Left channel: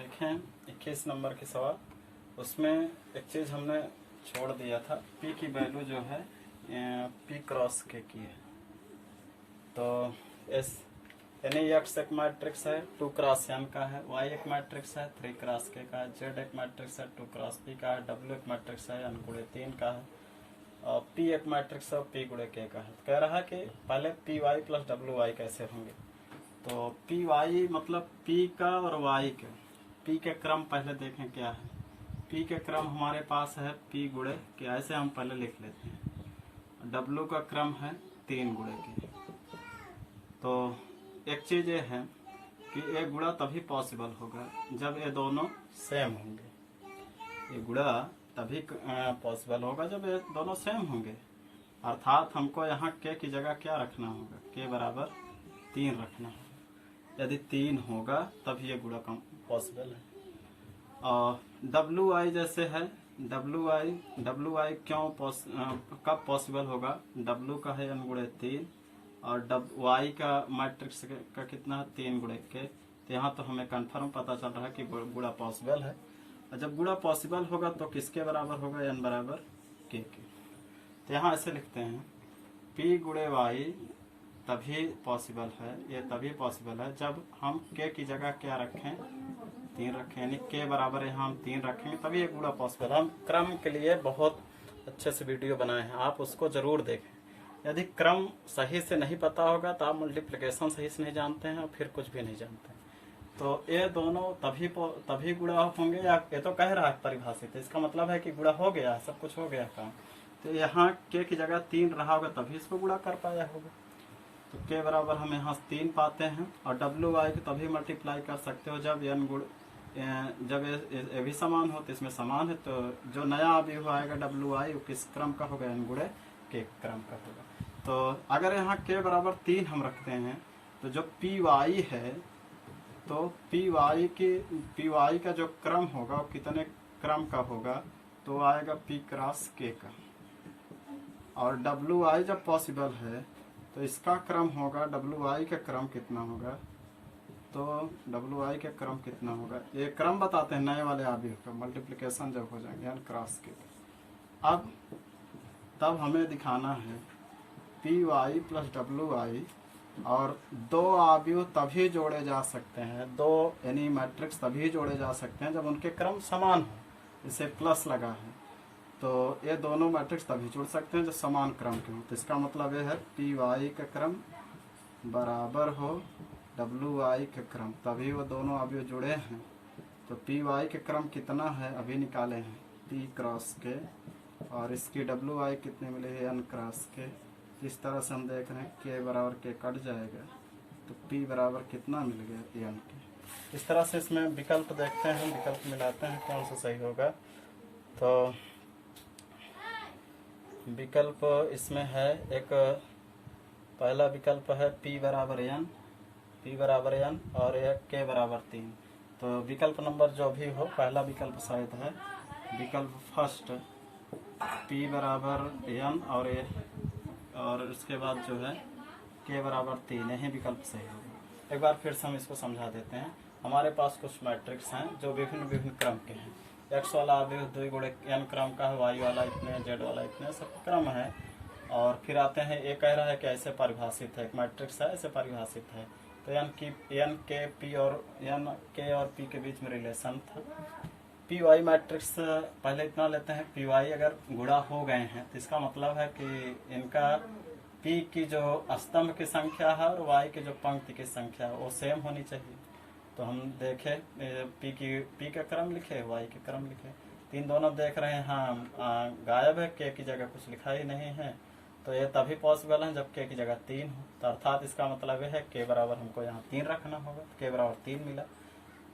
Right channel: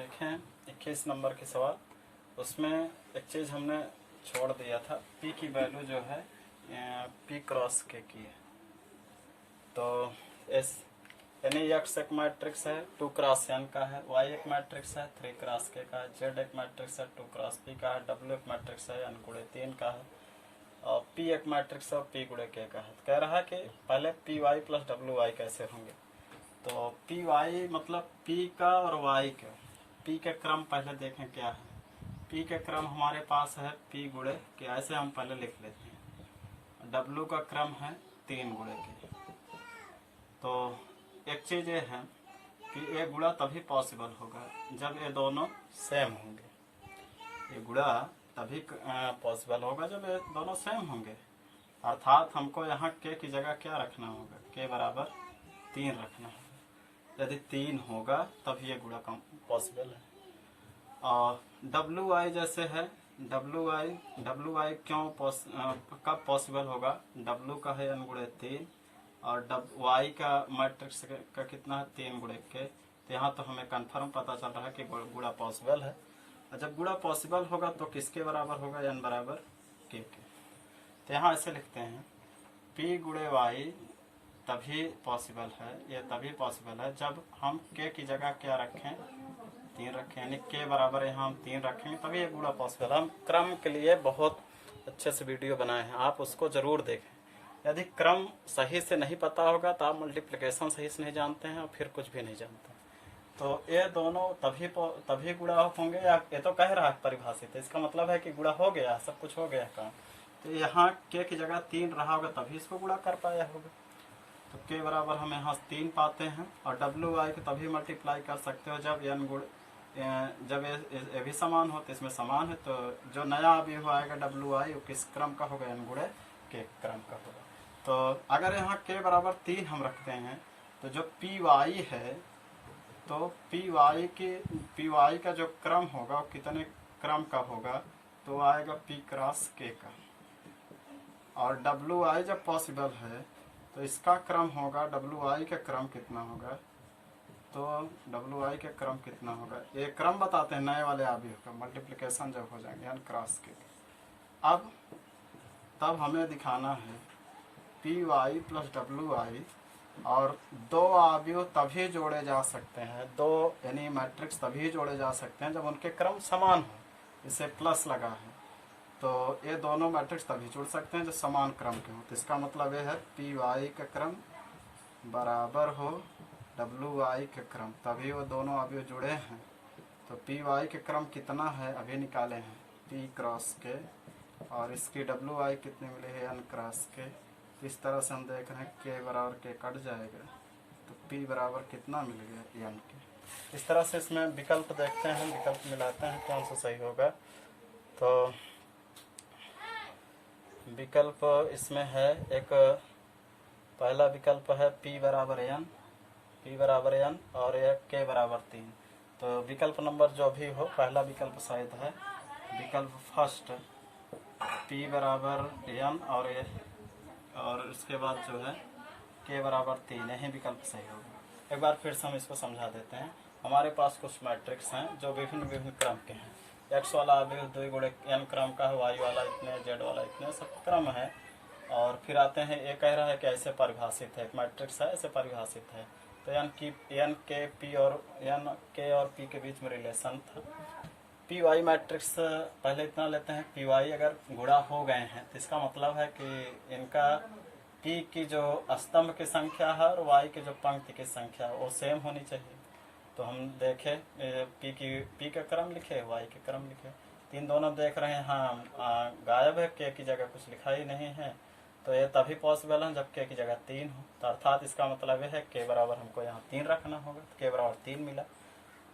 देखें 21 नंबर के सवाल, उसमें एक चीज हमने छोड़ दिया था। पी की वैल्यू जो है पी क्रॉस के की है। तो एस यानी एक्स एक मैट्रिक्स है 2 क्रॉस एन का है, वाई एक मैट्रिक्स है 3 क्रॉस के का है, जेड एक मैट्रिक्स है 2 क्रॉस पी का है, डब्ल्यू एक मैट्रिक्स है एन गुणे 3 का है, और पी एक मैट्रिक्स है पी गुणे के का है। तो कह रहा है कि पहले पी वाई प्लस डब्ल्यू वाई कैसे होंगे। तो पी वाई मतलब पी का और वाई का, पी के क्रम पहले देखें क्या है। पी के क्रम हमारे पास है पी गुणे के, ऐसे हम पहले लिख लेते हैं। डब्ल्यू का क्रम है 3 गुणे के। तो एक चीज ये है कि ये गुणा तभी पॉसिबल होगा जब ये दोनों सेम होंगे। ये गुणा तभी पॉसिबल होगा जब ये दोनों सेम होंगे। अर्थात हमको यहाँ के की जगह क्या रखना होगा, के बराबर 3 रखना होगा। यदि 3 होगा तब ये गुणा पॉसिबल है। और डब्ल्यू आई जैसे है, डब्ल्यू आई क्यों कब पॉसिबल होगा। डब्ल्यू का है n गुणे 3 और वाई का मैट्रिक्स का कितना है 3 गुणे के। तो यहाँ तो हमें कंफर्म पता चल रहा है कि गुणा पॉसिबल है। और जब गुणा पॉसिबल होगा तो किसके बराबर होगा, n बराबर के। तो यहाँ ऐसे लिखते हैं p गुणे वाई तभी पॉसिबल है, ये तभी पॉसिबल है जब हम के की जगह क्या रखें, 3 रखें। यानी के बराबर यहाँ हम 3 रखेंगे तभी ये गुणा पॉसिबल है। हम क्रम के लिए बहुत अच्छे से वीडियो बनाए हैं, आप उसको जरूर देखें। यदि क्रम सही से नहीं पता होगा तो आप मल्टीप्लिकेशन सही से नहीं जानते हैं और फिर कुछ भी नहीं जानते। तो ये दोनों तभी गुणा होंगे, या ये तो कह रहा है परिभाषित, इसका मतलब है कि गुणा हो गया, सब कुछ हो गया काम। तो यहाँ के की जगह 3 रहा होगा तभी इसको गुणा कर पाया होगा। तो के बराबर हम यहाँ 3 पाते हैं। और डब्ल्यू वाई को तभी मल्टीप्लाई कर सकते हो जब एन गुण जब ये भी समान हो, तो इसमें समान है। तो जो नया अवयव आएगा डब्ल्यू आई वो किस क्रम का होगा, एन गुणे के क्रम का होगा। तो अगर यहाँ के बराबर 3 हम रखते हैं तो जो पी वाई है, तो पी वाई का जो क्रम होगा वो कितने क्रम का होगा, तो आएगा पी क्रॉस के का। और डब्ल्यू आई जब पॉसिबल है तो इसका क्रम होगा, डब्ल्यू आई का क्रम कितना होगा, तो डब्ल्यू आई का क्रम कितना होगा, ये क्रम बताते हैं नए वाले अवयव का। मल्टीप्लिकेशन जब हो जाएंगे यानी क्रॉस के। अब तब हमें दिखाना है पी वाई प्लस डब्ल्यू आई, और 2 अवयव तभी जोड़े जा सकते हैं, 2 यानी मैट्रिक्स तभी जोड़े जा सकते हैं जब उनके क्रम समान हो। इसे प्लस लगा है तो ये दोनों मैट्रिक्स तभी जोड़ सकते हैं जो समान क्रम के हो। तो इसका मतलब ये है पी वाई का क्रम बराबर हो डब्ल्यू आई के क्रम, तभी वो दोनों अवयव जुड़े हैं। तो पी वाई के क्रम कितना है अभी निकाले हैं, पी क्रॉस के, और इसकी डब्ल्यू आई कितनी मिली है, एन क्रॉस के। इस तरह से हम देख रहे हैं के बराबर के कट जाएगा तो पी बराबर कितना मिल गया, एन के। इस तरह से इसमें विकल्प देखते हैं, विकल्प मिलाते हैं कौन सा सही होगा। तो विकल्प इसमें है, एक पहला विकल्प है p बराबर n और एक k बराबर 3। तो विकल्प नंबर जो भी हो, पहला विकल्प शायद है विकल्प फर्स्ट, p बराबर n और इसके बाद जो है k बराबर 3, यही विकल्प सही होगा। एक बार फिर से हम इसको समझा देते हैं। हमारे पास कुछ मैट्रिक्स हैं जो विभिन्न क्रम के हैं। एक्स वाला अवयव 2 गुणे n क्रम का है, वाई वाला इतने, जेड वाला इतने, सब क्रम है। और फिर आते हैं, ये कह रहा है कि ऐसे परिभाषित है, एक मैट्रिक्स है ऐसे परिभाषित है। तो n के p और n के और p के बीच में रिलेशन था। पी वाई मैट्रिक्स पहले इतना लेते हैं, पी वाई अगर गुणा हो गए हैं तो इसका मतलब है कि इनका पी की जो स्तंभ की संख्या है और वाई की जो पंक्ति की संख्या है वो सेम होनी चाहिए। तो हम देखें पी का क्रम लिखे, वाई के क्रम लिखे, 3 दोनों देख रहे हैं हाँ गायब है, के की जगह कुछ लिखा ही नहीं है। तो ये तभी पॉसिबल है जब के की जगह 3 हो। तो अर्थात इसका मतलब है के बराबर हमको यहाँ 3 रखना होगा, के बराबर 3 मिला।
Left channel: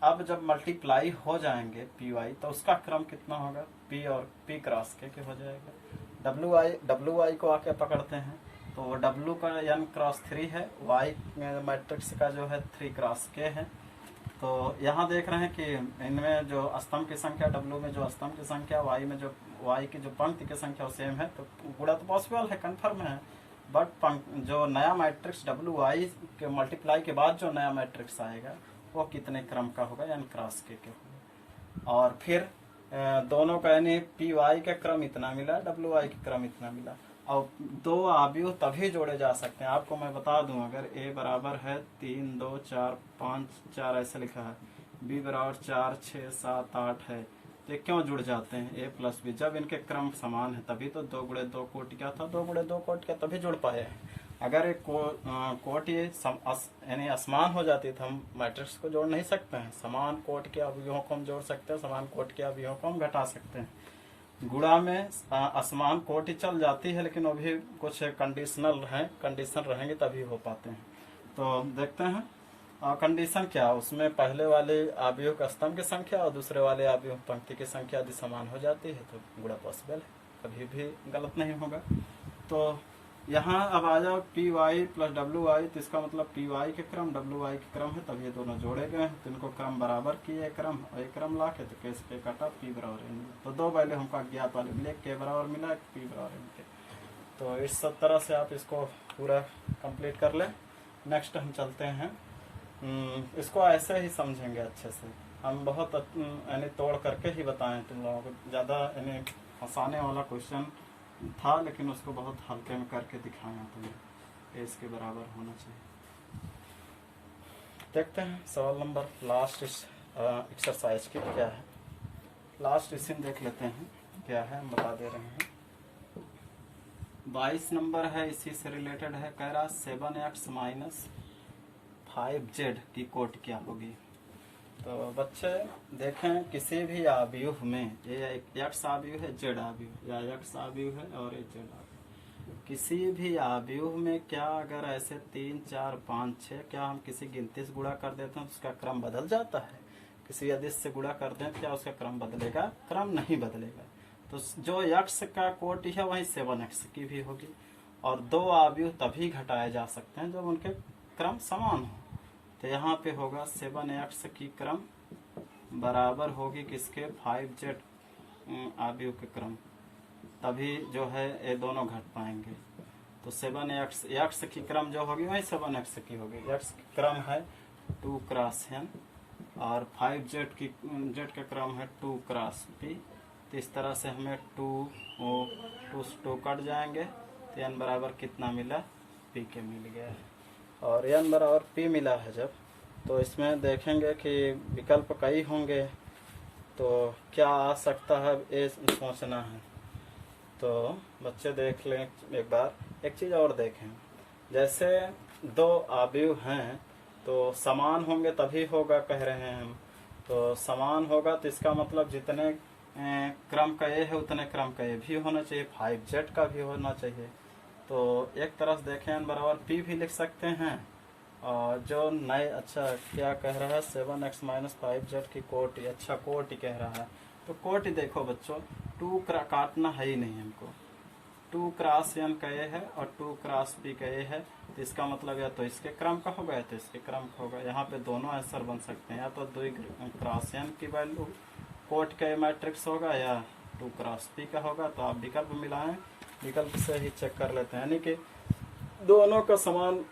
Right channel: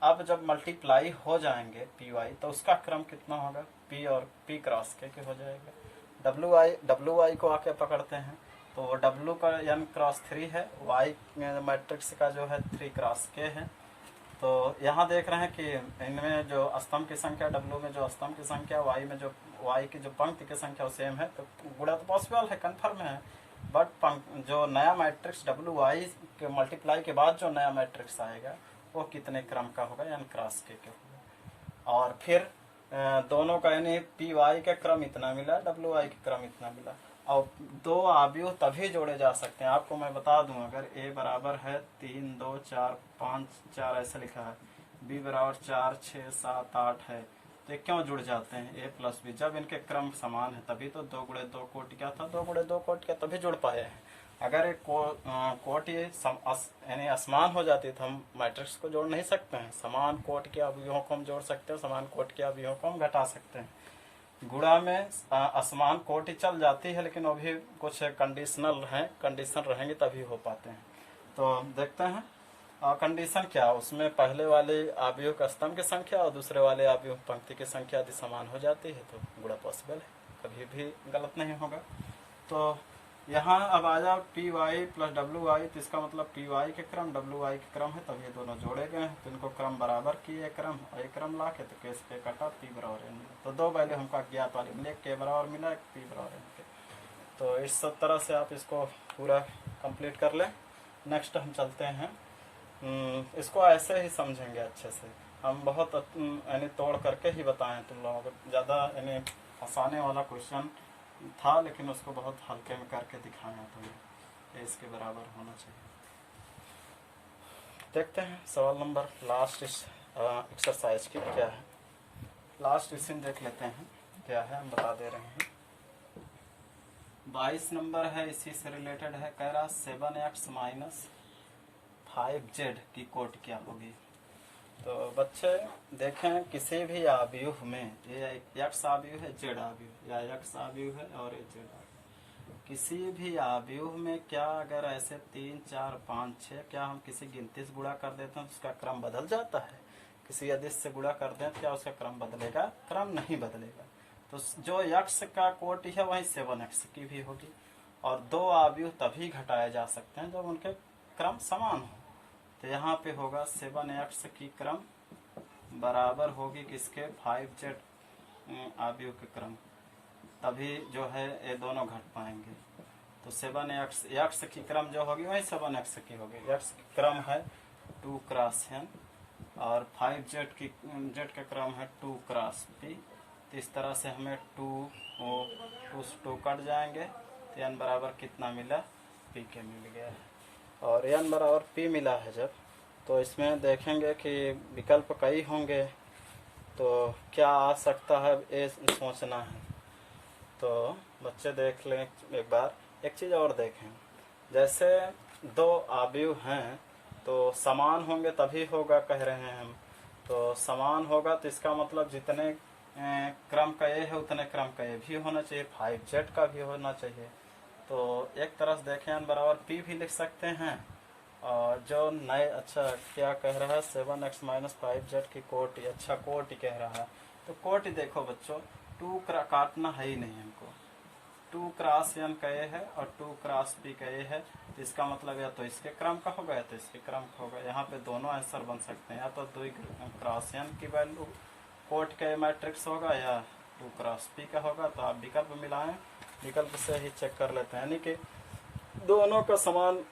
अब जब मल्टीप्लाई हो जाएंगे पी वाई तो उसका क्रम कितना होगा, पी और पी क्रॉस के हो जाएगा। डब्ल्यू आई को आके पकड़ते हैं तो डब्ल्यू का n क्रॉस 3 है, वाई मैट्रिक्स का जो है 3 क्रॉस के है। तो यहाँ देख रहे हैं कि इनमें जो स्तंभ की संख्या, डब्ल्यू में जो स्तंभ की संख्या, वाई की जो पंक्ति की संख्या सेम है। तो गुणा तो पॉसिबल है, कन्फर्म है। बट जो नया मैट्रिक्स डब्ल्यू आई के मल्टीप्लाई के बाद जो नया मैट्रिक्स आएगा वो कितने क्रम का होगा, यानी क्रॉस के होगा। और फिर दोनों का यानी पी वाई का क्रम इतना मिला, डब्ल्यू वाई का क्रम इतना मिला। और दो अवयव तभी जोड़े जा सकते हैं। आपको मैं बता दूं, अगर ए बराबर है 3 2 4 5 4 ऐसे लिखा है, बी बराबर 4 6 7 8 है, तो ये क्यों जुड़ जाते हैं ए प्लस बी? जब इनके क्रम समान है तभी तो 2 गुणे 2 कोटि क्या था, 2 गुणे 2 कोटि क्या तभी जुड़ पाए हैं। अगर एक कोटि यानी असमान हो जाती तो हम मैट्रिक्स को जोड़ नहीं सकते हैं। समान कोटि के अवयवों को हम जोड़ सकते हैं, समान कोटि के अवयवों को हम घटा सकते हैं। गुणा में असमान कोटि चल जाती है, लेकिन वो भी कुछ कंडीशनल है, कंडीशन रहेंगे तभी हो पाते हैं। तो देखते हैं कंडीशन क्या, उसमें पहले वाले अवयव का स्तंभ की संख्या और दूसरे वाले अवयव पंक्ति की संख्या यदि समान हो जाती है तो गुणा पॉसिबल है, कभी भी गलत नहीं होगा। तो यहाँ अब आ जाओ पी वाई प्लस डब्ल्यू वाई, तो इसका मतलब पी वाई के क्रम डब्ल्यू वाई के क्रम है, तब ये दोनों जोड़े गए हैं। तो इनको क्रम बराबर किए क्रम और एक क्रम ला के तो केस पे काटा पी बराबर एन। तो दो वैल्यू हमको अज्ञात वाले मिले, के बराबर मिला, पी बराबर एन के। तो इस सब तरह से आप इसको पूरा कंप्लीट कर लें। नेक्स्ट हम चलते हैं, इसको ऐसे ही समझेंगे अच्छे से। हम बहुत यानी तोड़ करके ही बताएं तुम लोगों को, ज़्यादा यानी फंसाने वाला क्वेश्चन था, लेकिन उसको बहुत हल्के में करके दिखाना तुम्हें, इसके बराबर होना चाहिए। देखते हैं सवाल नंबर लास्ट इस एक्सरसाइज की क्या है। लास्ट क्वेश्चन देख लेते हैं क्या है, हम बता दे रहे हैं। 22 नंबर है, इसी से रिलेटेड है। कह रहा 7x माइनस 5z की कोट क्या होगी। तो बच्चे देखें, किसी भी अवयव में, ये x अवयव है, z अवयव, या x अवयव है और ये z अवयव, किसी भी अवयव में क्या अगर ऐसे 3 4 5 6 क्या हम किसी गिनती से गुणा कर देते हैं तो उसका क्रम बदल जाता है। किसी अदिश से गुणा कर दें तो क्या उसका क्रम बदलेगा? क्रम नहीं बदलेगा। तो जो x का कोटि है वही 7x की भी होगी। और दो अवयव तभी घटाए जा सकते हैं जब उनके क्रम समान हो। तो यहाँ पे होगा 7x की क्रम बराबर होगी किसके? 5z अवयव के क्रम, तभी जो है ये दोनों घट पाएंगे। तो 7x की क्रम जो होगी वही 7x की होगी। x की क्रम है 2 क्रॉस n और 5z की z का क्रम है 2 क्रॉस p। तो इस तरह से हमें 2 से 2 कट जाएंगे, तो n बराबर कितना मिला? p के मिल गया है। और n बराबर p मिला है जब, तो इसमें देखेंगे कि विकल्प कई होंगे, तो क्या आ सकता है ये सोचना है। तो बच्चे देख लें एक बार, एक चीज़ और देखें, जैसे दो अवयव हैं तो समान होंगे तभी होगा कह रहे हैं हम। तो समान होगा तो इसका मतलब जितने क्रम का ए है उतने क्रम का ए भी होना चाहिए, 5z का भी होना चाहिए। तो एक तरह से देखें n बराबर p भी लिख सकते हैं। और जो नए क्या कह रहा है 7x माइनस 5z की कोटि, अच्छा कोटि कह रहा है। तो कोटि देखो बच्चों, 2 काटना है ही नहीं हमको, 2 क्रॉस n का ए है और 2 क्रॉस p का ए है। तो इसका मतलब या तो इसके क्रम का होगा या तो इसके क्रम का होगा। यहाँ पे दोनों आंसर बन सकते हैं, या तो 2 क्रॉस n की वैल्यू कोट का मैट्रिक्स होगा या 2 क्रॉस p का होगा। तो आप विकल्प मिलाएं, विकल्प से ही चेक कर लेते हैं, यानी कि दोनों का समान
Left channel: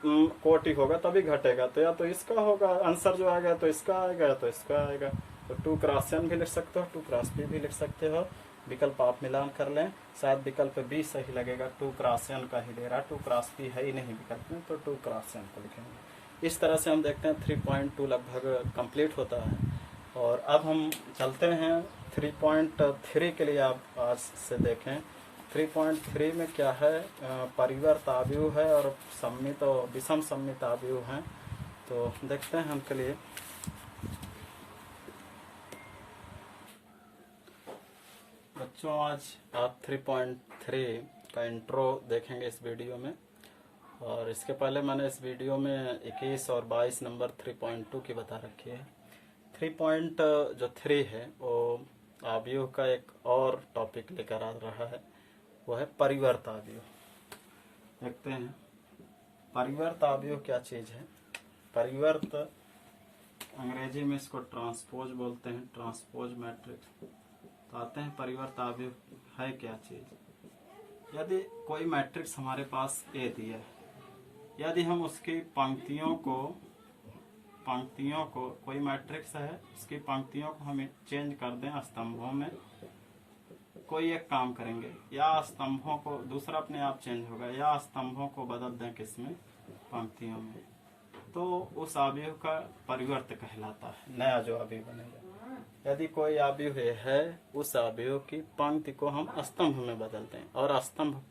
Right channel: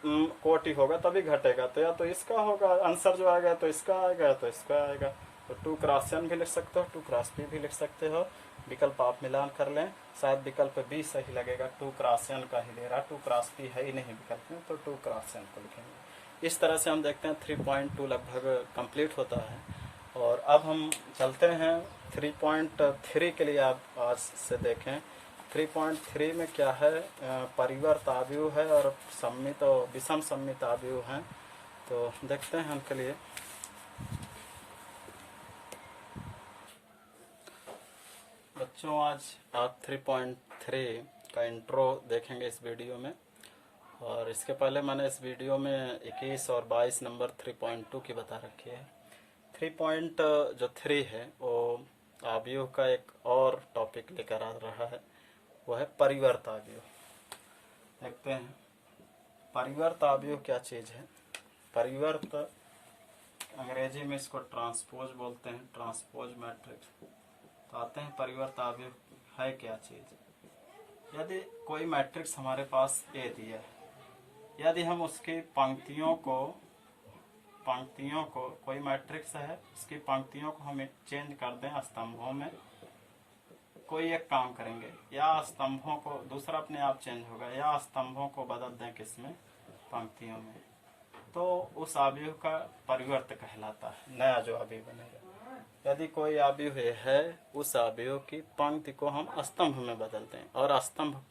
कोटि होगा तभी घटेगा। तो या तो इसका होगा आंसर जो आएगा, तो इसका आएगा तो इसका आएगा। तो 2 क्रॉस n भी लिख सकते हो, 2 क्रॉस p भी लिख सकते हो। विकल्प आप मिलान कर लें, शायद विकल्प बी सही लगेगा। 2 क्रॉस n का ही ले रहा, 2 क्रॉस p है ही नहीं विकल्प में, तो 2 क्रॉस n को लिखेंगे। इस तरह से हम देखते हैं 3.2 लगभग कंप्लीट होता है। और अब हम चलते हैं 3.3 के लिए। आप आज से देखें 3.3 में क्या है, परिवर्त अवयव है और सम्मित और विषम सम्मित अवयव हैं। तो देखते हैं हम, चलिए बच्चों आज आप 3.3 का इंट्रो देखेंगे इस वीडियो में। और इसके पहले मैंने इस वीडियो में 21 और 22 नंबर 3.2 की बता रखी है। 3.3 है वो अवयव का एक और टॉपिक लेकर आ रहा है, वो है परिवर्त अवयव। देखते हैं परिवर्त अवयव क्या चीज है। परिवर्त अंग्रेजी में इसको ट्रांसपोज बोलते हैं, ट्रांसपोज मैट्रिक्स। तो आते हैं परिवर्त अवयव है क्या चीज। यदि कोई मैट्रिक्स हमारे पास ए दिया है, यदि हम उसकी पंक्तियों को पंक्तियों को, कोई मैट्रिक्स है उसकी पंक्तियों को हम चेंज कर दें स्तंभों में, कोई एक काम करेंगे, या स्तंभों को, दूसरा अपने आप चेंज होगा, या स्तंभों को बदल दें किसमें, पंक्तियों में, तो उस अवयव का परिवर्त कहलाता है, नया जो अवयव बनेगा। यदि कोई अवयव है उस अवयव की पंक्ति को हम स्तंभ में बदल दें और स्तंभ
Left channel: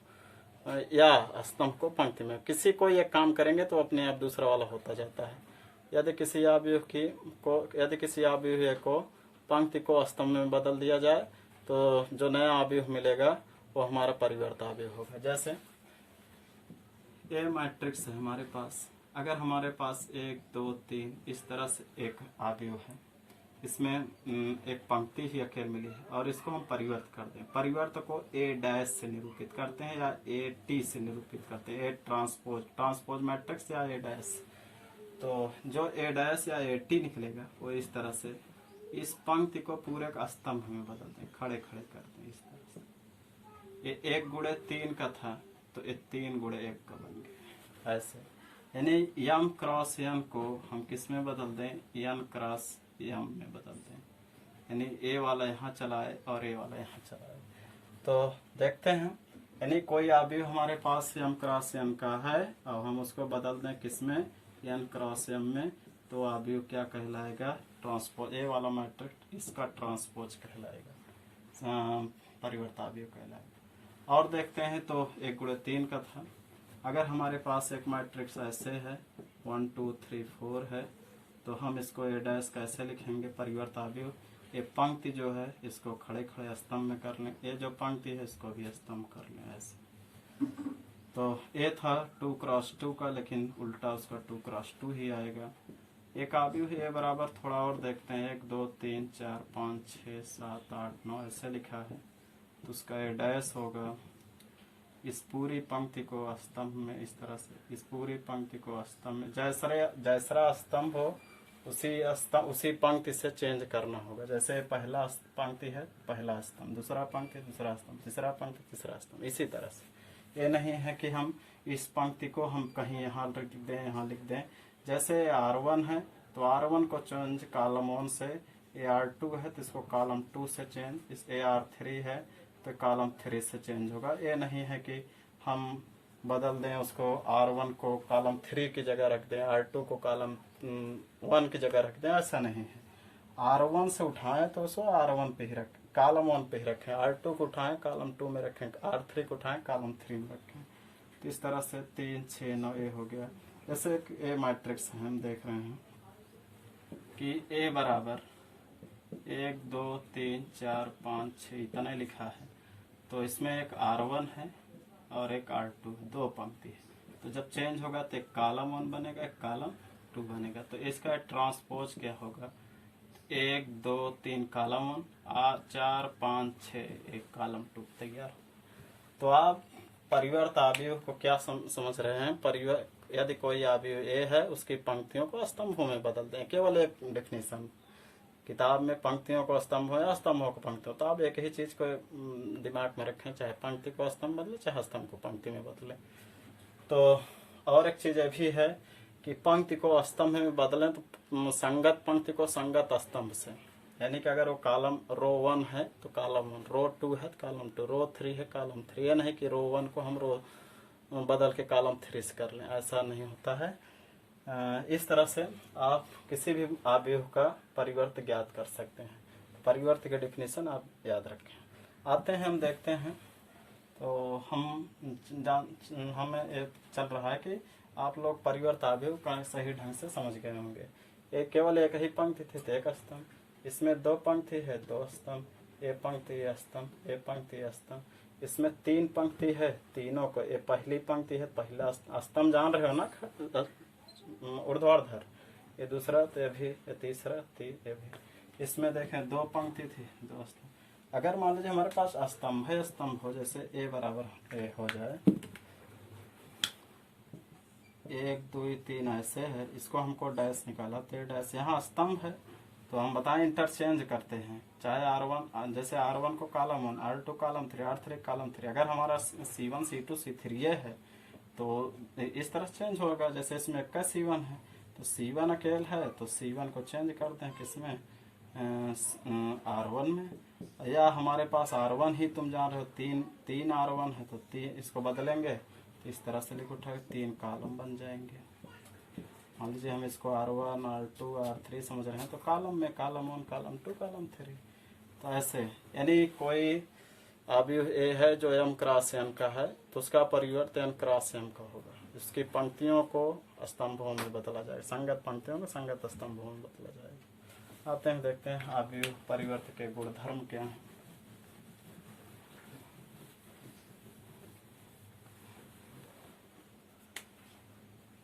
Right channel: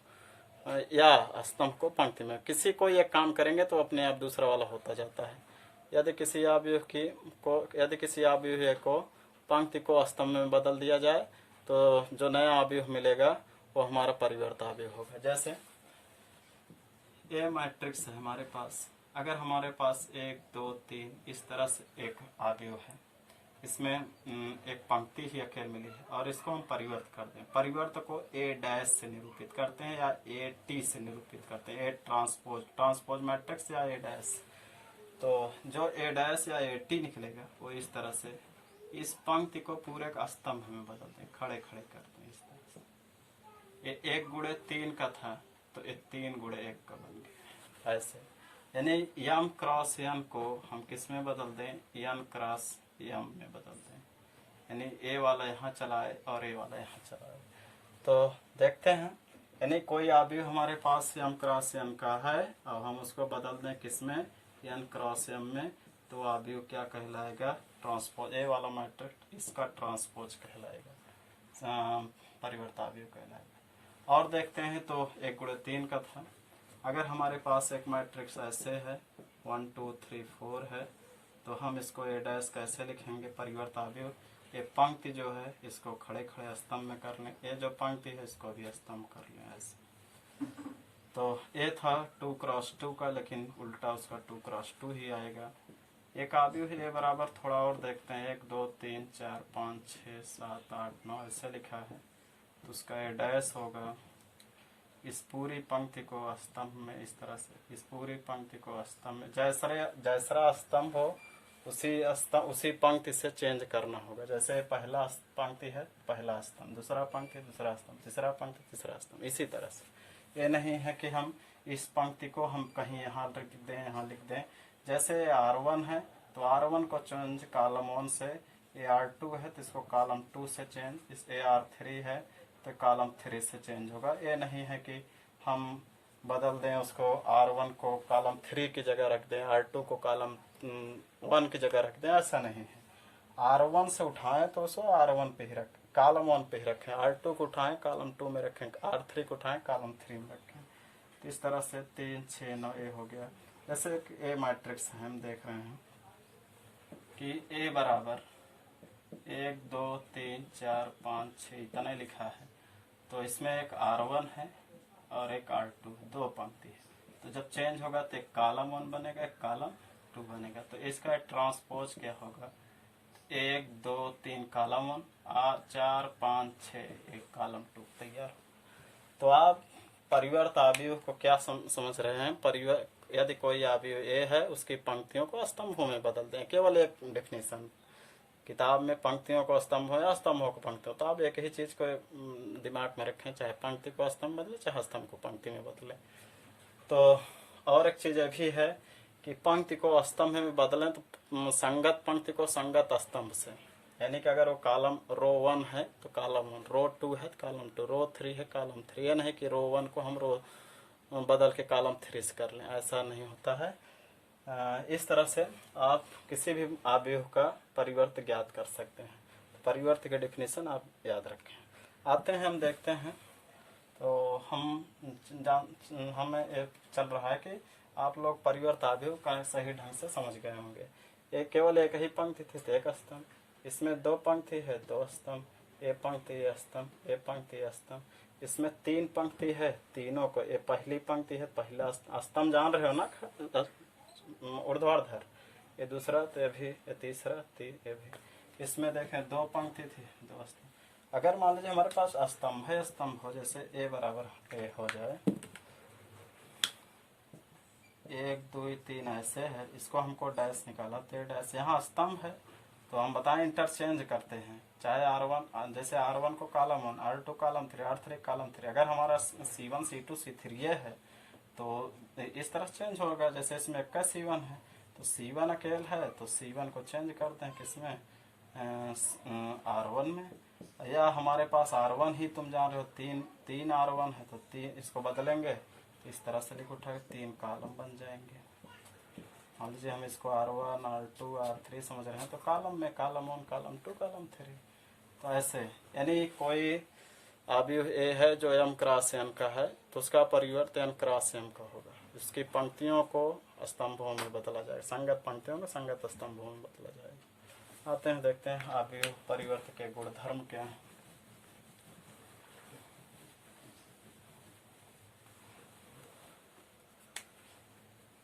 या स्तंभ को पंक्ति में, किसी को एक काम करेंगे तो अपने आप दूसरा वाला होता जाता है। यदि किसी अवयव को पंक्ति को स्तंभ में बदल दिया जाए तो जो नया अवयव मिलेगा वो हमारा परिवर्त अवयव होगा। जैसे ये मैट्रिक्स है हमारे पास, अगर हमारे पास 1 2 3 इस तरह से एक अवयव है, इसमें एक पंक्ति ही अकेले मिली है और इसको हम परिवर्त कर दें, परिवर्त को ए डैश से निरूपित करते हैं या ए टी से निरूपित करते हैं, ए ट्रांसपोज मैट्रिक्स या ए डैश। तो जो ए डैश या ए टी निकलेगा वो इस तरह से, इस पंक्ति को पूरे का स्तंभ में बदल दें, खड़े खड़े कर दें इस तरह से। ये 1 गुणे 3 का था तो ये 3 गुणे 1 का बन गया ऐसे। यानी यम क्रॉस यन को हम किस में बदल दें, यन क्रॉस यम में बदल दें, यानी ए वाला यहाँ चलाए और ए वाला यहाँ चलाए। तो देखते हैं, यानी कोई अवयव हमारे पास यम क्रॉस यन का है और हम उसको बदल दें किसमें, यन क्रॉस यम में, तो अवयव क्या कहलाएगा, ट्रांसपोज, ए वाला मैट्रिक्स इसका ट्रांसपोज कहलाएगा, परिवर्त अवयव कहलाएगा। और देखते हैं तो 1 गुणे 3 का था, अगर हमारे पास एक मैट्रिक्स ऐसे है 1 2 3 4 है तो हम इसको ए डैश कैसे लिखेंगे, परिवर्त अवयव। ये पंक्ति जो है इसको खड़े खड़े स्तंभ में कर लें, ये जो पंक्ति है इसको भी स्तंभ कर लें ऐसे। तो ये था 2 क्रॉस 2 का, लेकिन उल्टा उसका 2 क्रॉस 2 ही आएगा। एक अवयव है, ये बराबर थोड़ा और देखते हैं, 1 2 3 4 5 6 7 8 9 ऐसे लिखा है, तो उसका ए डैश होगा इस पूरी पंक्ति को स्तंभ में, इस तरह से इस पूरी पंक्ति को स्तंभ में, जैसा स्तंभ हो उसी पंक्ति से चेंज करना होगा। जैसे पहला पंक्ति है पहला स्तंभ, दूसरा पंक्ति दूसरा स्तंभ, तीसरा पंक्ति तीसरा स्तंभ, इसी तरह से। ये नहीं है कि हम इस पंक्ति को हम कहीं यहाँ लिख दें यहाँ लिख दें। जैसे R1 है तो R1 को चेंज कॉलम 1 से, R2 है तो इसको कॉलम 2 से चेंज, इस R3 है तो कॉलम 3 से चेंज होगा। ये नहीं है कि हम बदल दें उसको, R1 को कॉलम 3 की जगह रख दें, R2 को कॉलम 1 की जगह रख दें, ऐसा नहीं है। R1 से उठाएं तो उसको R1 पे ही रखें, कॉलम 1 पे ही रखें, R2 को उठाएं कॉलम 2 में रखें, R3 को उठाएं कॉलम 3 में रखें। तो इस तरह से 3 6 9 ए हो गया। जैसे ए मैट्रिक्स है, हम देख रहे हैं कि ए बराबर 1 2 3 4 5 6 इतना लिखा है, तो इसमें एक R1 है और एक R2 है, 2 पंक्ति है। तो जब चेंज होगा तो एक कॉलम 1 बनेगा एक कॉलम 2 बनेगा। तो इसका ट्रांसपोज क्या होगा, 1 2 3 कॉलम 1 4 5 6 एक कॉलम 2 तैयार। तो आप परिवर्त अवयव को क्या समझ रहे हैं, यदि कोई अवयव ए है उसकी पंक्तियों को स्तंभों में बदल दें, केवल एक डेफिनेशन। किताब में पंक्तियों को स्तंभ हो या स्तंभों को पंक्ति, तो आप एक ही चीज को दिमाग में रखें, चाहे पंक्ति को स्तंभ बदले चाहे स्तंभ को पंक्ति में बदले। तो और एक चीज भी है कि पंक्ति को स्तंभ में बदलें तो संगत पंक्ति को संगत स्तंभ से, यानी कि अगर वो कॉलम रो 1 है तो कॉलम 1, रो 2 है तो कॉलम 2, रो 3 है कॉलम 3। ये नहीं कि रो 1 को हम रो बदल के कॉलम 3 से कर लें, ऐसा नहीं होता है। इस तरह से आप किसी भी अवयव का परिवर्त ज्ञात कर सकते हैं। परिवर्त के डेफिनेशन आप याद रखें। आते हैं हम देखते हैं, तो हमें चल रहा है कि आप लोग परिवर्त अवयव का सही ढंग से समझ गए होंगे। ये केवल एक ही पंक्ति थी तो एक स्तंभ, इसमें 2 पंक्ति है 2 स्तंभ, ए पंक्ति ए स्तंभ, ए पंक्ति ए स्तंभ। इसमें 3 पंक्ति है, तीनों को, ये पहली पंक्ति है पहला स्तंभ, जान रहे हो ना ऊर्ध्वाधर, ये दूसरा तो ये भी, ये तीसरा ये भी। इसमें देखें 2 पंक्ति थी 2 स्तंभ। अगर मान लीजिए हमारे पास स्तंभ है, स्तंभ हो, जैसे ए बराबर ए हो जाए, 1 2 3 ऐसे है, इसको हमको डैश निकाला तो ये डैश, यहाँ स्तंभ है तो हम बताएं इंटरचेंज करते हैं, चाहे R1 जैसे R1 को column 1, R2 column 3, R3 column 3। अगर हमारा C1 C2 C3 है तो इस तरह चेंज होगा। जैसे इसमें का C1 है तो तो C1 अकेल है तो C1 को चेंज करते हैं किसमें, R1 में, या हमारे पास R1 ही तुम जान रहे हो, तीन R1 है तो तीन इसको बदलेंगे तो इस तरह से लिख उठाएंगे, 3 कॉलम बन जाएंगे। मान लीजिए हम इसको R1 R2 R3 समझ रहे हैं तो कॉलम में कॉलम 1 कॉलम 2 कॉलम 3, तो ऐसे यानी कोई अवयव ए है जो m क्रॉस n का है तो उसका परिवर्त n क्रॉस m का होगा। इसकी पंक्तियों को स्तंभों में बदला जाएगा, संगत पंक्तियों को संगत स्तंभों में बदला जाएगा। आते हैं देखते हैं अवयव परिवर्त के गुणधर्म क्या हैं।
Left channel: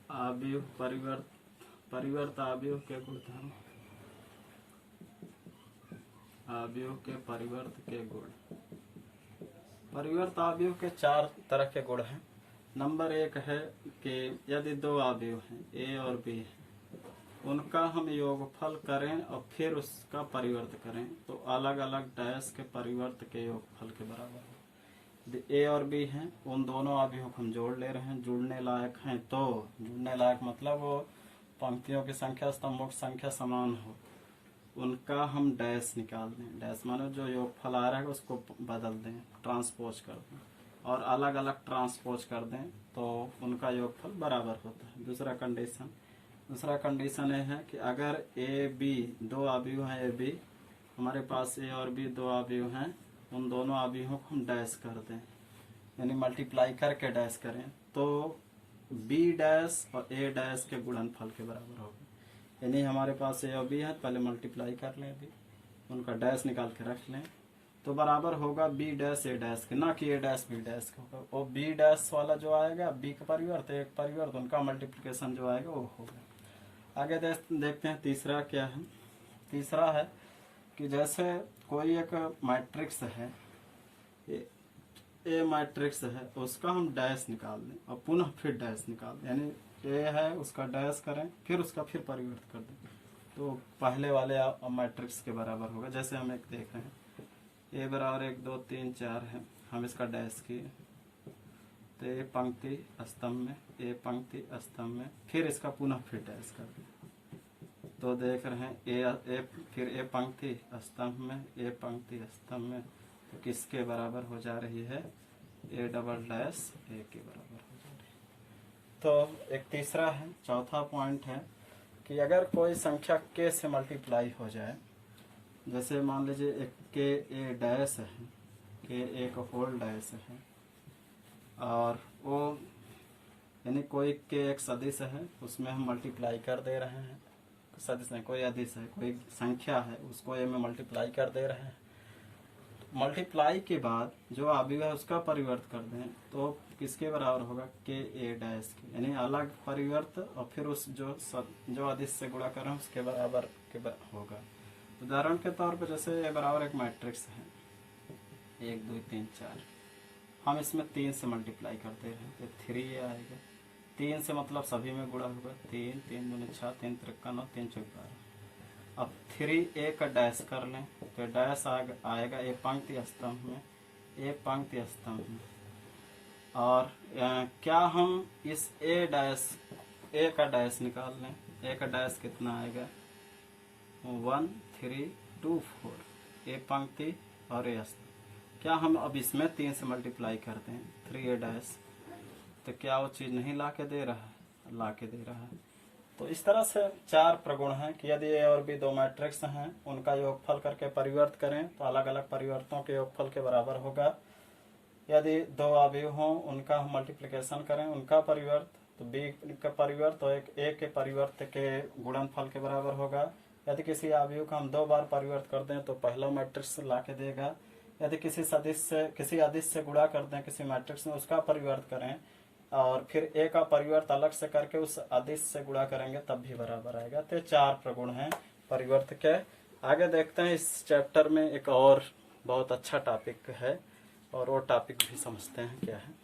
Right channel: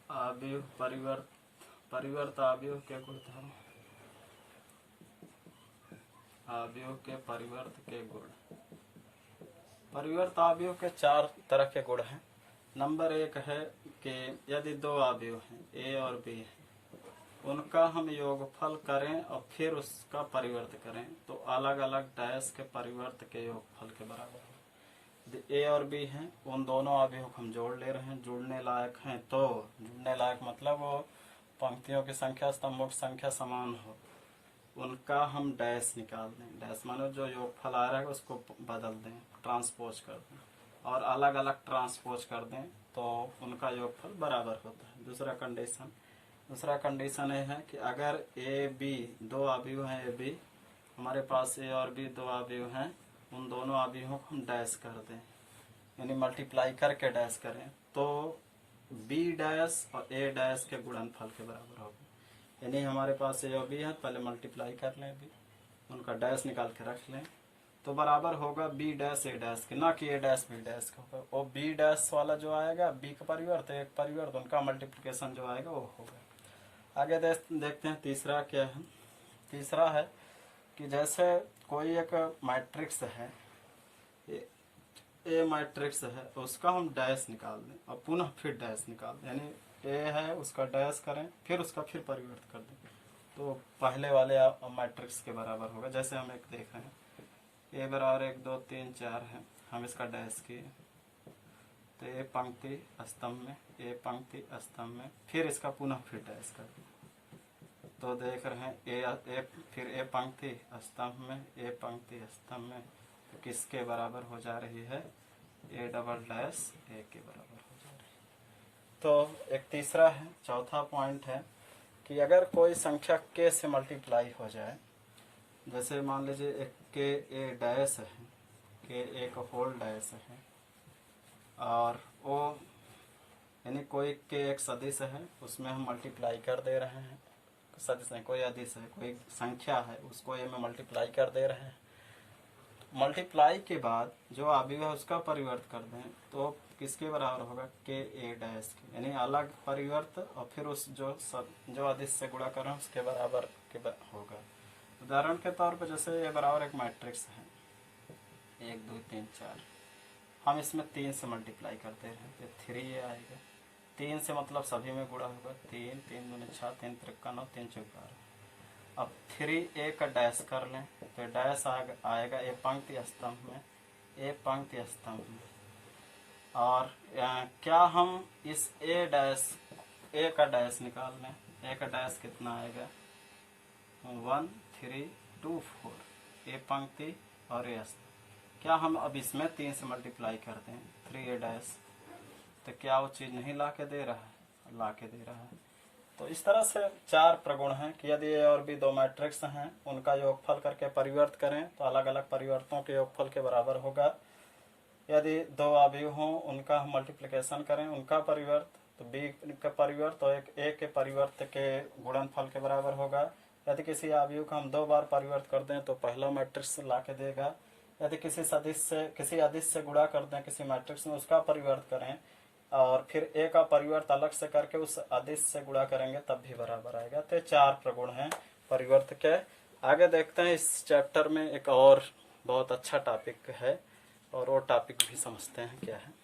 अवयव परिवर्त अवयव के गुणधर्म, अवयव के परिवर्त के गुण। परिवर्त अवयव के 4 तरह के गुण हैं। नंबर 1 है कि यदि 2 अवयव हैं ए और बी है, उनका हम योगफल करें और फिर उसका परिवर्त करें तो अलग अलग डैश के परिवर्त के योगफल के बराबर है। यदि ए और बी हैं, उन दोनों अवयव को हम जोड़ ले रहे हैं, जुड़ने लायक हैं, तो जुड़ने लायक मतलब वो पंक्तियों की संख्या स्तंभों की संख्या समान हो, उनका हम डैश निकाल दें। डैश माने जो योगफल आ रहा है उसको बदल दें, ट्रांसपोज कर दें और अलग अलग ट्रांसपोज कर दें तो उनका योगफल बराबर होता है। दूसरा कंडीशन ये है कि अगर ए बी 2 अवयव हैं, ए बी हमारे पास ए और बी 2 अवयव हैं, उन दोनों अवयवों को हम डैश कर दें, यानी मल्टीप्लाई करके डैश करें तो बी डैश और ए डैश के गुणनफल के बराबर होगा। यानी हमारे पास ए और बी है, पहले मल्टीप्लाई कर लें बी, उनका डैश निकाल के रख लें तो बराबर होगा बी डैश ए डैश के, ना कि ए डैश बी डैश का होगा। और बी डैश वाला जो आएगा बी का परिवर्त एक परिवर्त, उनका मल्टीप्लिकेशन जो आएगा वो होगा। आगे देखते हैं तीसरा क्या है। तीसरा है कि जैसे कोई एक मैट्रिक्स है, ए मैट्रिक्स है, उसका हम डैश निकाल दें और पुनः फिर डैश निकाल दें, यानी ए है उसका डैश करें फिर उसका फिर परिवर्त कर दें तो पहले वाले मैट्रिक्स के बराबर होगा। जैसे हम एक देख रहे हैं ए बराबर 1 2 3 4 है, हम इसका डैश किए तो ए पंक्ति स्तंभ में, ए पंक्ति स्तंभ में, फिर इसका पुनः फिर डैश कर दें तो देख रहे हैं ए फिर ए पंक्ति स्तंभ में, ए पंक्ति स्तंभ में, तो किसके बराबर हो जा रही है, ए डबल डैश ए के बराबर हो जा रही है। तो एक तीसरा है। चौथा पॉइंट है कि अगर कोई संख्या के से मल्टीप्लाई हो जाए, जैसे मान लीजिए एक के ए डैश है, के ए का होल डैश है और वो यानी कोई के एक सदिश है, उसमें हम मल्टीप्लाई कर दे रहे हैं, सदिश है कोई अदिश है, कोई संख्या है उसको ए में मल्टीप्लाई कर दे रहे हैं। मल्टीप्लाई के बाद जो अवयव है उसका परिवर्त कर दें तो किसके बराबर होगा, के ए डैश के, यानी अलग परिवर्त और फिर उस जो अदिश से गुणा करें उसके बराबर के होगा। उदाहरण के तौर पर जैसे ए बराबर एक मैट्रिक्स है 1 2 3 4, हम इसमें 3 से मल्टीप्लाई करते हैं ये 3 आएगा, 3 से मतलब सभी में गुणा होगा, 3 3 दूनी 6 3 3 9 3 4 12। अब 3 ए का डैश कर लें तो डैश आएगा ए पंक्ति स्तंभ में, ए पंक्ति स्तंभ में। और क्या हम इस ए का डैश निकाल लें, ए का डैश कितना आएगा 1 3 2 4, ए पंक्ति और ए स्तंभ। क्या हम अब इसमें 3 से मल्टीप्लाई करते हैं 3 ए डैश, तो क्या वो चीज नहीं ला के दे रहा है, ला के दे रहा है। तो इस तरह से 4 प्रगुण हैं कि यदि ए और बी 2 मैट्रिक्स हैं, उनका योगफल करके परिवर्त करें तो अलग अलग परिवर्तों के योगफल के बराबर होगा। यदि 2 अवयव हों उनका हम मल्टीप्लिकेशन करें, उनका परिवर्त तो बी का परिवर्त तो एक ए के परिवर्त के गुणनफल के बराबर होगा। यदि किसी अवयव का हम 2 बार परिवर्त कर दें तो पहला मैट्रिक्स ला के देगा। यदि किसी अदिश से गुणा कर दें किसी मैट्रिक्स में, उसका परिवर्त करें और फिर ए का परिवर्त अलग से करके उस अदिश से गुणा करेंगे तब भी बराबर आएगा। तो 4 प्रगुण हैं परिवर्त के। आगे देखते हैं इस चैप्टर में एक और बहुत अच्छा टॉपिक है और वो टॉपिक भी समझते हैं क्या है।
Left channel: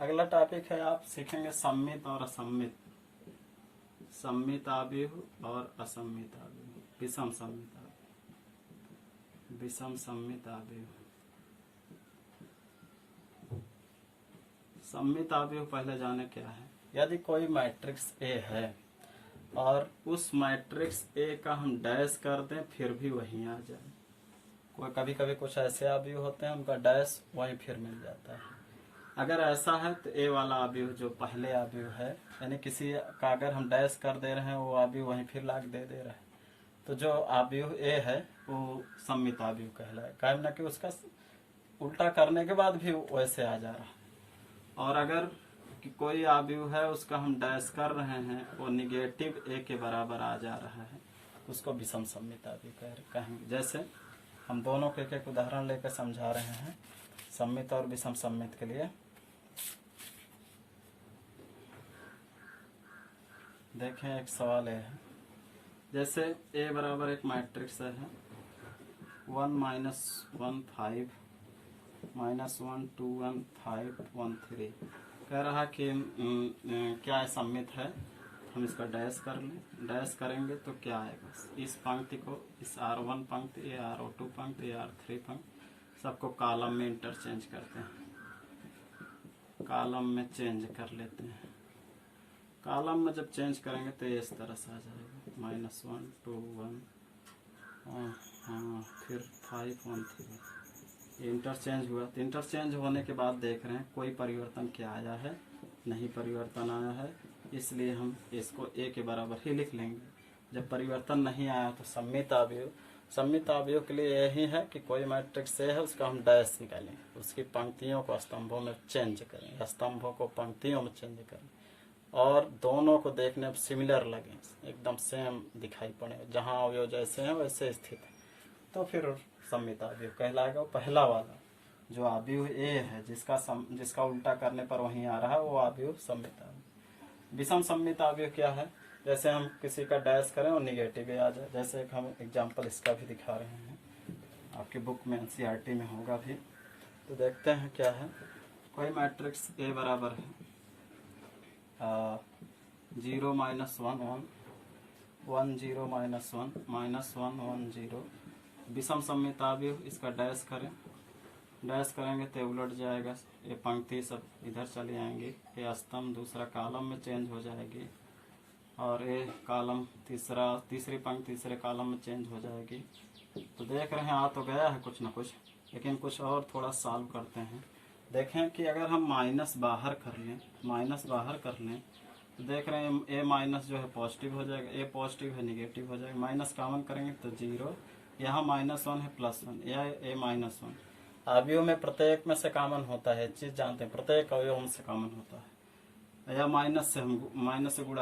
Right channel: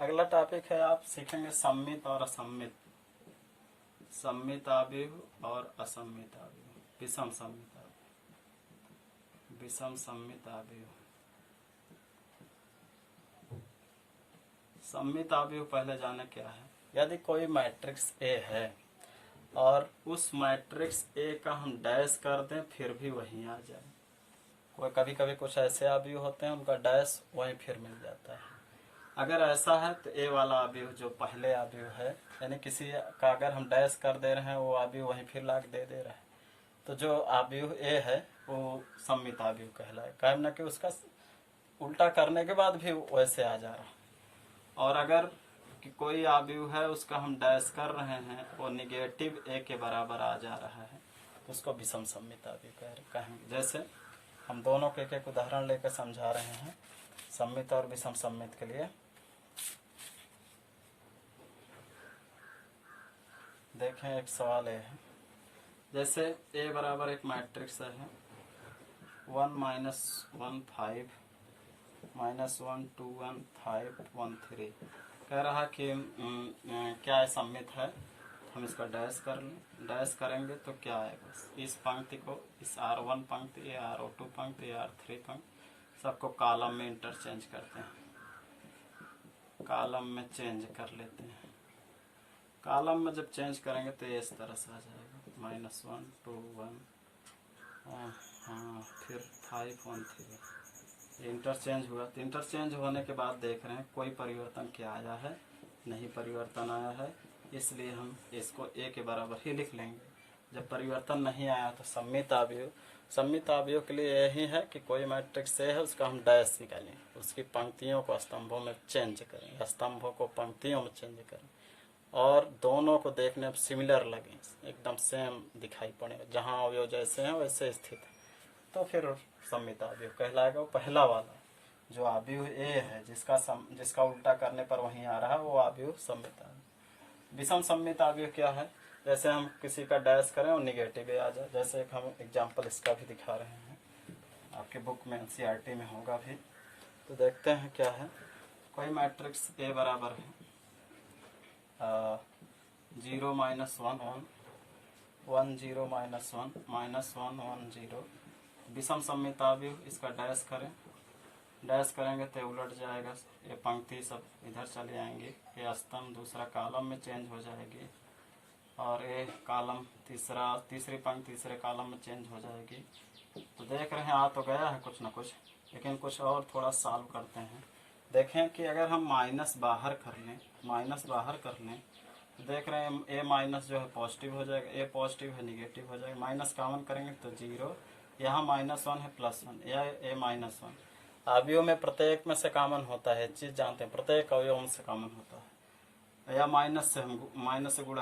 अगला टॉपिक है, आप सीखेंगे सम्मित और असम्मित, सम्मित अवयव और असम्मित अवयव, विषम सम्मित अवयव। विषम सममित अवयव। सममित अवयव पहले जाने क्या है। यदि कोई मैट्रिक्स ए है और उस मैट्रिक्स ए का हम डैश कर दें फिर भी वहीं आ जाए। कोई कभी कभी कुछ ऐसे अवयव होते हैं उनका डैश वहीं फिर मिल जाता है। अगर ऐसा है तो ए वाला अवयव जो पहले अवयव है, यानी किसी का अगर हम डैश कर दे रहे हैं वो अवयव वहीं फिर लाग दे रहा है, तो जो अवयव ए है वो सममित अवयव कहलाए, ना कि उसका उल्टा करने के बाद भी वैसे आ जा रहा है। और अगर कि कोई अवयव है उसका हम डैश कर रहे हैं वो निगेटिव ए के बराबर आ जा रहा है तो उसको विषम सममित अवयव कहेंगे। जैसे हम दोनों के एक उदाहरण लेकर समझा रहे हैं सममित और विषम सममित के लिए। देखें एक सवाल है, जैसे ए बराबर एक मैट्रिक्स है 1 - 1 5 -1 2 1 5 1 3, कह रहा कि क्या है सममित है। हम इसका डैश कर लें, डैश करेंगे तो क्या आएगा, इस पंक्ति को इस R1 पंक्ति, ये R2 पंक्ति, ये R3 पंक्ति सबको कॉलम में इंटरचेंज करते हैं, कॉलम में चेंज कर लेते हैं। कॉलम में जब चेंज करेंगे तो इस तरह से आ जाएगा -1 2 1 हाँ फिर 5 1 3। इंटरचेंज हुआ तो इंटरचेंज होने के बाद देख रहे हैं कोई परिवर्तन क्या आया है, नहीं परिवर्तन आया है, इसलिए हम इसको ए के बराबर ही लिख लेंगे। जब परिवर्तन नहीं आया तो सममित अवयव, सममित अवयव के लिए यही है कि कोई मैट्रिक्स ए है उसका हम डैश निकालें, उसकी पंक्तियों को स्तंभों में चेंज करें, स्तंभों को पंक्तियों में चेंज करें और दोनों को देखने में सिमिलर लगे, एकदम सेम दिखाई पड़े, जहाँ अवयव जैसे हैं वैसे स्थित है, तो फिर सममित अवयव कहलाएगा। पहला वाला जो अवयव ए है जिसका उल्टा करने पर वहीं आ रहा है वो अवयव सममित अवयव। विषम सममित अवयव क्या है, जैसे हम किसी का डैश करें और निगेटिव आ जाए। जैसे एक हम एग्जाम्पल इसका भी दिखा रहे हैं, आपके बुक में NCERT में होगा भी, तो देखते हैं क्या है। कोई मैट्रिक्स ए बराबर है 0 - 1 1 1 0 - 1 -1 1 0। विषम सममित अवयव, इसका डैश करें, डैश करेंगे तो उलट जाएगा, ये पंक्ति सब इधर चले आएंगे, ये स्तंभ दूसरा कॉलम में चेंज हो जाएगी और ये कॉलम तीसरी पंक्ति तीसरे कॉलम में चेंज हो जाएगी। तो देख रहे हैं आ तो गया है कुछ ना कुछ, लेकिन कुछ और थोड़ा सॉल्व करते हैं। देखें कि अगर हम माइनस बाहर कर लें तो देख रहे हैं ए माइनस जो है पॉजिटिव हो जाएगा, ए पॉजिटिव है निगेटिव हो जाएगा, माइनस कॉमन करेंगे तो 0, यहाँ -1 है +1, या ए -1। अवयव में प्रत्येक में से कॉमन होता है, चीज जानते हैं, प्रत्येक अवयव से कॉमन होता है, या माइनस से गुणा